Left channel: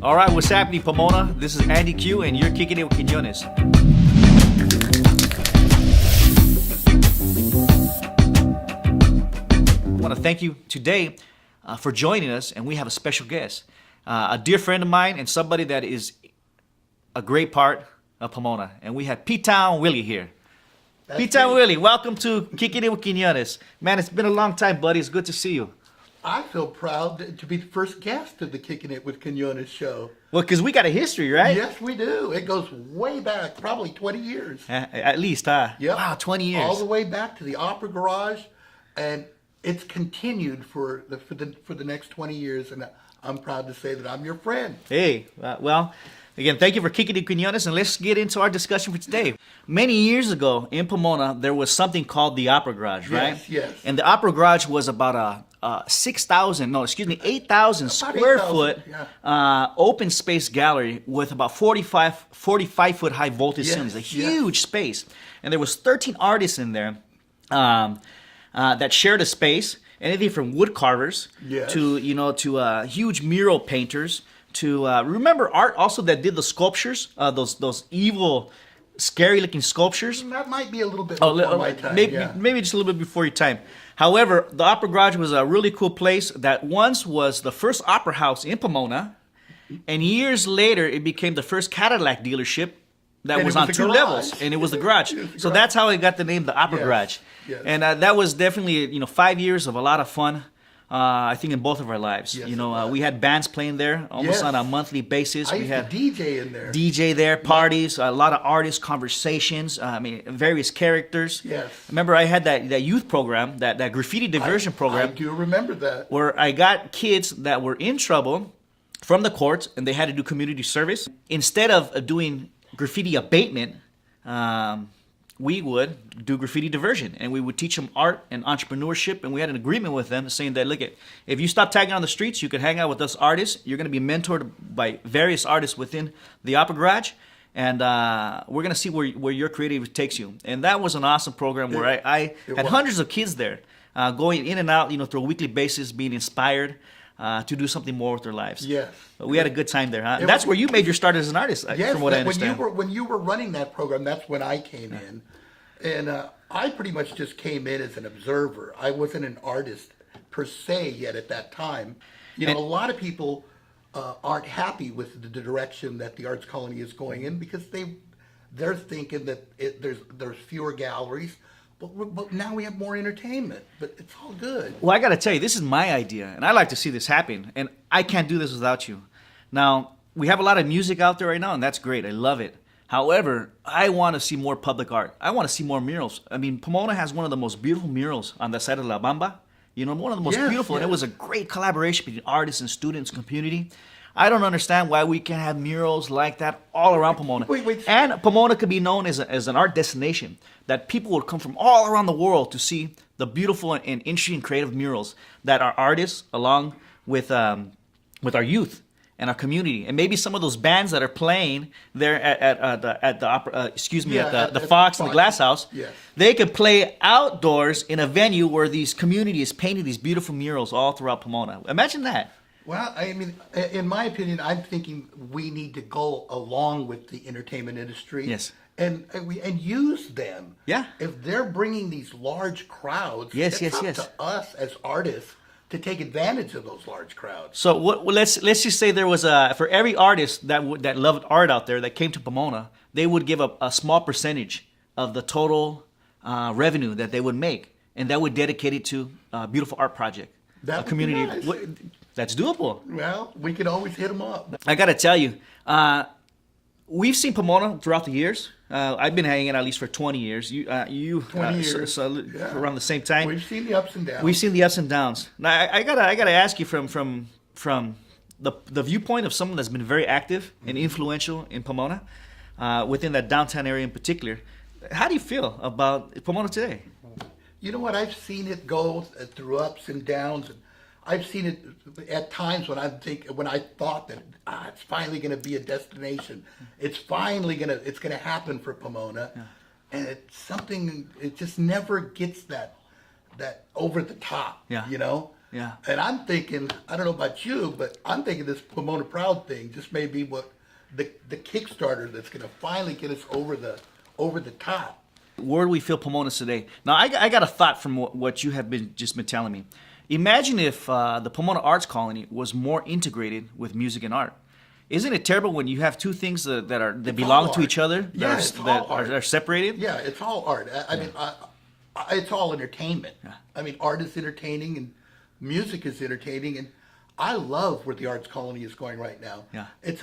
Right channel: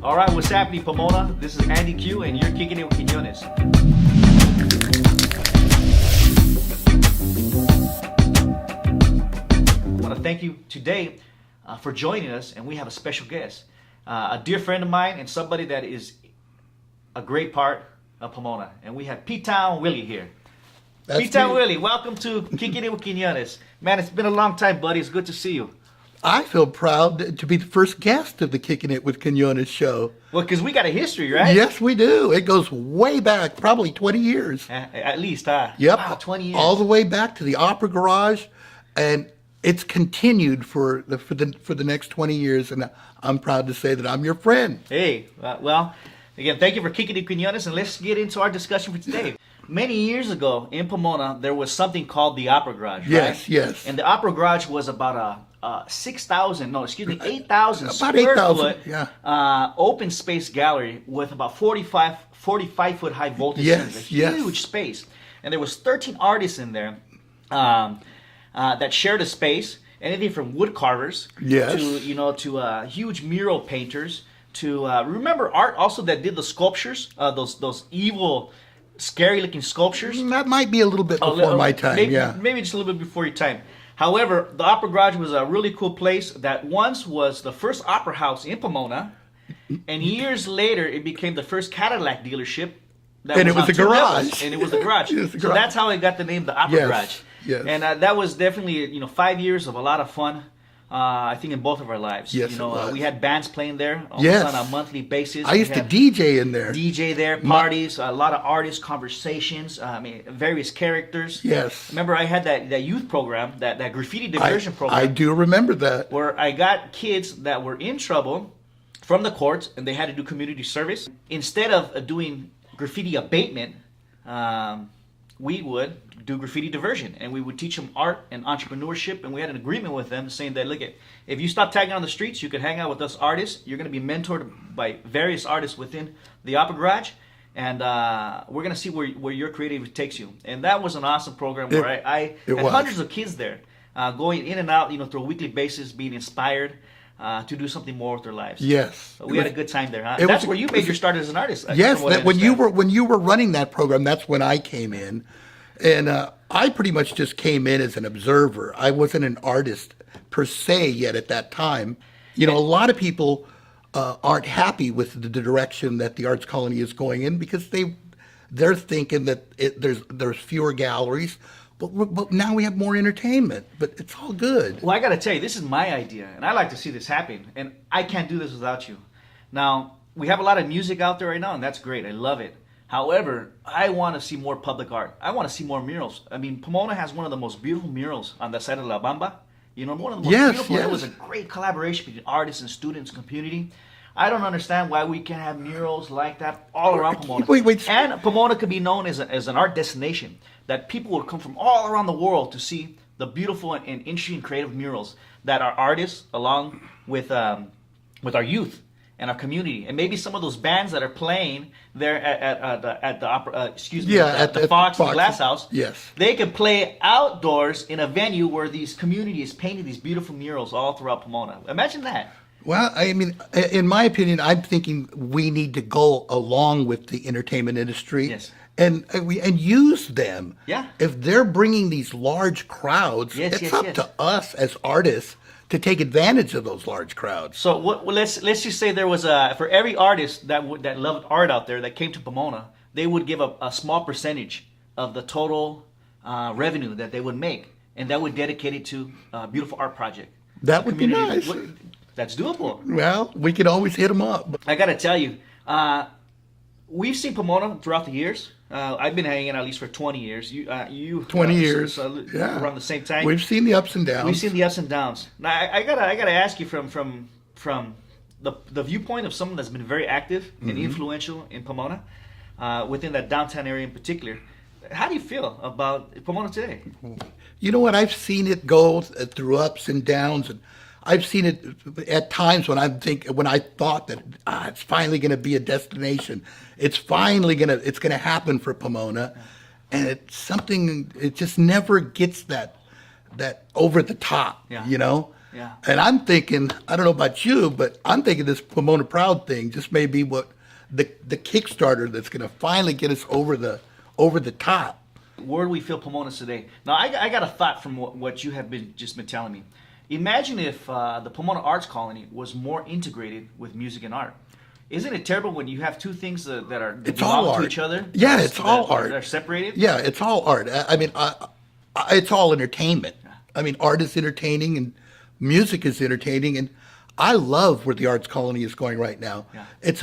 All right, what's happening, Pomona? This is Andy Q, and you're kicking it with Quinones. I want to thank you today for joining us, and we have a special guest, a dear friend of mine, and somebody that is a great part of Pomona. And we have PTown Willie here. PTown Willie, welcome to Kicking It with Quinones. Man, it's been a long time, buddy. It's good to see you. I feel proud to be the first guest of the Kicking It with Quinones show. Well, because we got a history, right? Yes, we do. It goes way back, probably 20 years. At least, huh? Yep. Wow, 20 years. All the way back to the Opera Garage, and it's continued for the next 20 years, and I'm proud to say that I'm your friend. Hey, well, again, thank you for Kicking It with Quinones, and let's get into our discussion for today. Many years ago in Pomona, there was something called the Opera Garage, right? Yes, yes. And the Opera Garage was about 8,000 square foot open space gallery with about 45 foot high voltage scenes, a huge space. And there was 13 artists in there that shared a space, anything from wood carvers to huge mural painters to remember art also that did the sculptures, those evil, scary looking sculptures. That might be a little bit before my time. Maybe just a little bit before your time. However, the Opera Garage was a really cool place that once was the first opera house in Pomona, and years later it became the first Cadillac dealership that was on two levels, and it was the garage. So that's how it got the name the Opera Garage. Yes. And that was definitely 5 years of a lot of fun. I think in both of our lives. Yes, we had bands playing there almost on a monthly basis. I used to DJ in there. DJ there, parties, a lot of artist conversations, various characters. Yes. Remember, I had that youth program, that graffiti diversion program. I do remember that. Where I got kids that were in trouble from the courts and they had to do community service. Instead of doing graffiti abatement, we would do graffiti diversion, and we would teach them art and entrepreneurship, and we had an agreement with them saying that, look, if you stop tagging on the streets, you can hang out with us artists. You're going to be mentored by various artists within the Opera Garage, and we're going to see where your creativity takes you. And that was an awesome program where I had hundreds of kids there going in and out, through a weekly basis, being inspired to do something more with their lives. Yes, we had a good time there. Huh? That's where you made your start as an artist. Yes, when you were running that program, that's when I came in, and I pretty much just came in as an observer. I wasn't an artist per se yet at that time. A lot of people aren't happy with the direction that the Arts Colony is going in because they're thinking that there's fewer galleries. But now we have more entertainment, but it's all good. Well, I got to tell you, this is my idea, and I like to see this happen, and I can't do this without you. Now, we have a lot of music out there right now, and that's great. I love it. However, I want to see more public art. I want to see more murals. I mean, Pomona has one of the most beautiful murals on the side of La Bamba. One of the most beautiful. Yes. It was a great collaboration between artists and students, community. I don't understand why we can't have murals like that all around Pomona. And Pomona could be known as an art destination, that people would come from all around the world to see the beautiful and interesting creative murals that our artists, along with our youth and our community, and maybe some of those bands that are playing there at the opera, the Fox and the Glass House. Yes, they could play outdoors in a venue where these community is painting these beautiful murals all throughout Pomona. Imagine that. Well, I mean, in my opinion, I'm thinking we need to go along with the entertainment industry. Yes. And use them. Yeah. If they're bringing these large crowds, it's up to us as artists to take advantage of those large crowds. So let's just say there was for every artist that loved art out there that came to Pomona, they would give a small percentage of the total revenue that they would make, and that would dedicate it to a beautiful art project. That would be nice. That's doable. Well, we could always hit them up. I got to tell you, we've seen Pomona throughout the years. I've been hanging at least for 20 years. You 20 years, around the same time. We've seen the ups and downs. We've seen the ups and downs. Now I gotta ask you from the viewpoint of someone that's been very active and influential in Pomona, within that downtown area in particular. How do you feel about Pomona today? You know what? I've seen it go through ups and downs, and I've seen it at times when I thought that it's finally going to be a destination. It's finally going to happen for Pomona, and it's something. It just never gets that over the top. Yeah. Yeah. And I'm thinking, I don't know about you, but I'm thinking this Pomona Proud thing just may be what the Kickstarter that's going to finally get us over the top. Where do we feel Pomona's today? Now, I got a thought from what you have just been telling me. Imagine if the Pomona Arts Colony was more integrated with music and art. Isn't it terrible when you have two things that belong to each other? Yeah, it's all art. They're separated. Yeah, it's all art. I mean, it's all entertainment. Yeah. I mean, art is entertaining and music is entertaining, and I love where the Arts Colony is going right now. Yeah. It's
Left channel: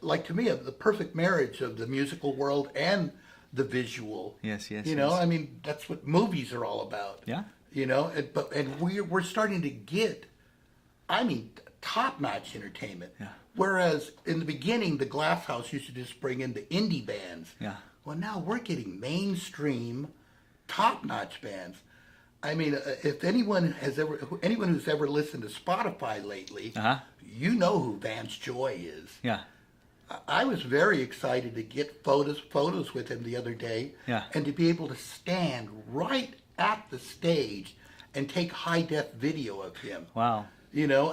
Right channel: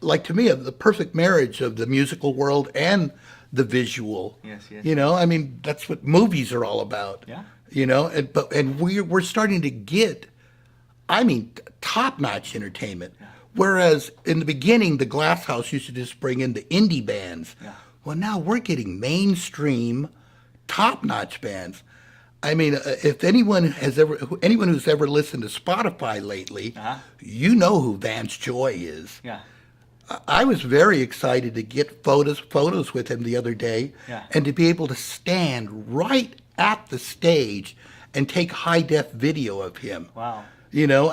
like, to me, the perfect marriage of the musical world and the visual. Yes. You know, I mean, that's what movies are all about. Yeah. You know, and we're starting to get, I mean, top-notch entertainment. Yeah. Whereas in the beginning, the Glass House used to just bring in the indie bands. Yeah. Well, now we're getting mainstream, top-notch bands. I mean, if anyone who's ever listened to Spotify lately, you know who Vance Joy is. Yeah. I was very excited to get photos with him the other day, Yeah. and to be able to stand right at the stage and take high-def video of him. Wow. You know,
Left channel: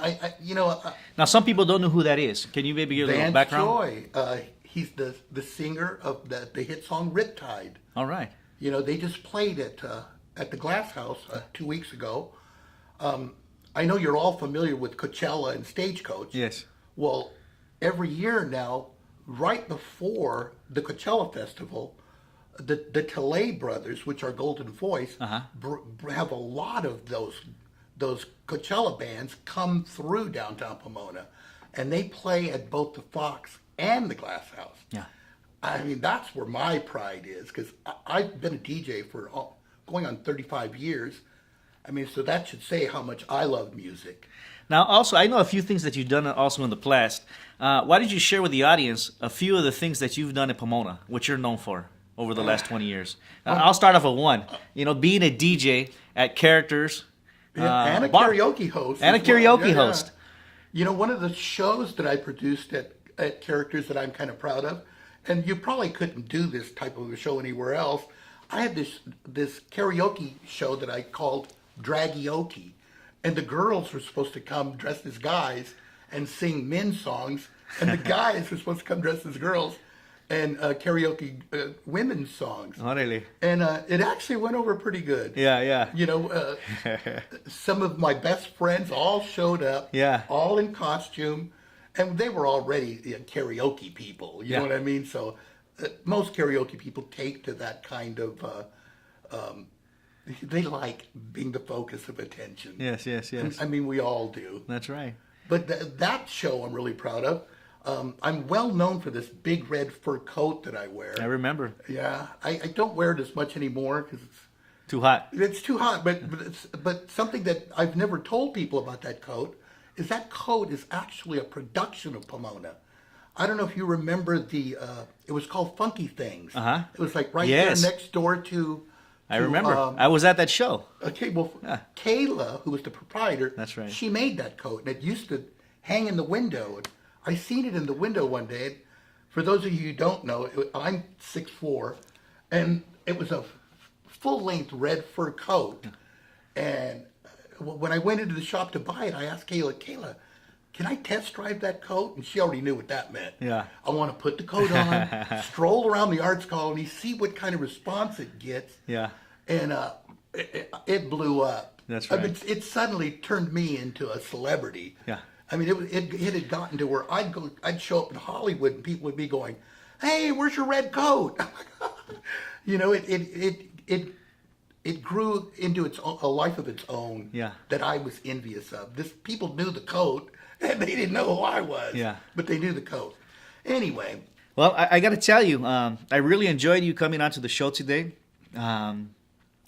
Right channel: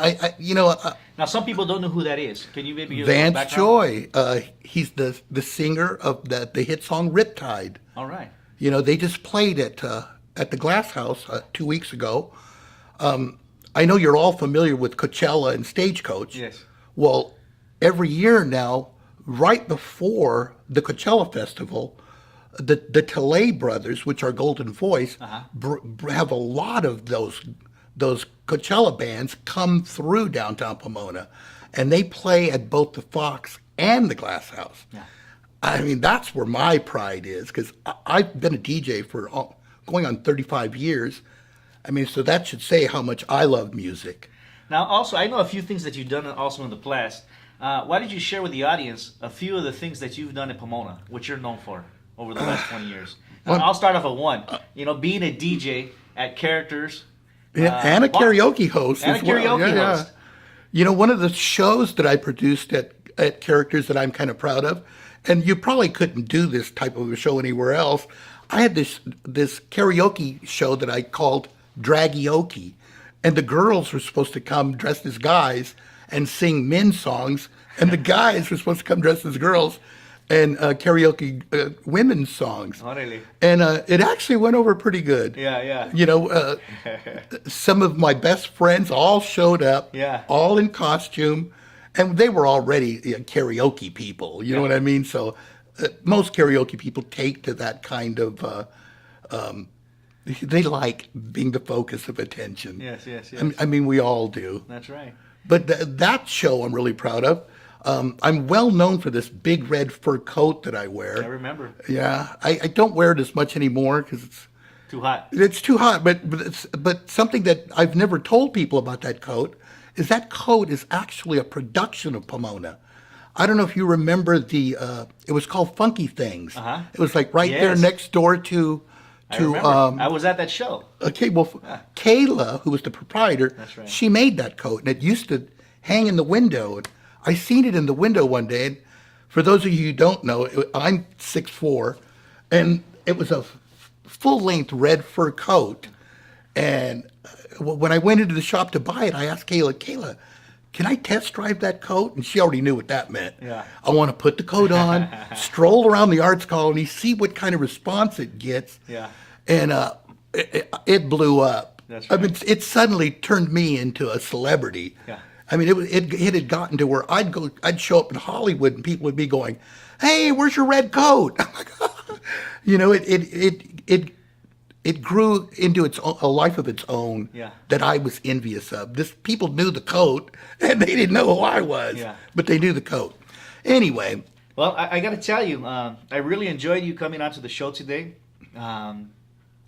Now, some people don't know who that is. Can you maybe give a little Vance background? Joy. He's the singer of the hit song Riptide. All right. You know, they just played at the Glass House 2 weeks ago. I know you're all familiar with Coachella and Stagecoach. Yes. Well, every year now, right before the Coachella Festival, the Tele brothers, which are Golden Voice, have a lot of those Coachella bands come through downtown Pomona, and they play at both the Fox and the Glass House. Yeah. I mean, that's where my pride is, because I've been a DJ for going on 35 years. I mean, so that should say how much I love music. Now, also, I know a few things that you've done also in the past. Why did you share with the audience a few of the things that you've done in Pomona, which you're known for over the last 20 years? Now, I'll start off with one. You know, being a DJ at Characters. And a karaoke host. And a karaoke Yeah. host. You know, one of the shows that I produced at Characters that I'm kind of proud of, and you probably couldn't do this type of a show anywhere else, I had this karaoke show that I called Dragioke. And the girls were supposed to come dressed as guys and sing men's songs, and the guys were supposed to come dressed as girls and karaoke women's songs. Oh, really? And it actually went over pretty good. Yeah. You know, some of my best friends all showed up, Yeah. all in costume, and they were already karaoke people. You know what I mean? So most karaoke people take to that kind of, they like being the focus of attention. Yes. I mean, we all do. That's right. But that show I'm really proud of. I'm well known for this big red fur coat that I wear. I remember. Yeah, I don't wear it as much anymore because Too hot. it's too hot. But something that I've never told people about that coat is that coat is actually a production of Pomona. I don't know if you remember it was called Funky Things. It was like right there Yes. next door to. I remember. I was at that show. Okay, well, Kayla, who was the proprietor, That's right. she made that coat, and it used to hang in the window. And I seen it in the window one day. And for those of you who don't know, I'm 6'4", and it was a full-length red fur coat. And when I went into the shop to buy it, I asked Kayla, can I test drive that coat? And she already knew what that meant. Yeah. I want to put the coat on, stroll around the Arts Colony, see what kind of response it gets. Yeah. And it blew up. That's I mean, right. it suddenly turned me into a celebrity. Yeah. I mean, it had gotten to where I'd show up in Hollywood and people would be going, "Hey, where's your red coat?" I'm like, you know, it grew into a life of its own. Yeah. That I was envious of. People knew the coat and they didn't know who I was. Yeah. But they knew the coat. Anyway. Well, I got to tell you, I really enjoyed you coming onto the show today.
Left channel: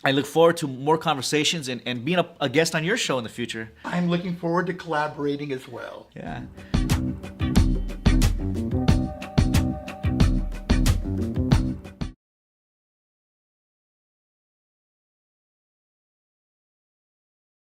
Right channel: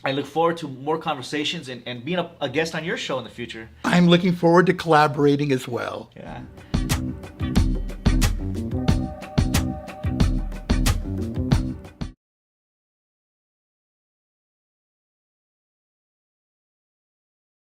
I look forward to more conversations and being a guest on your show in the future. I'm looking forward to collaborating as well. Yeah.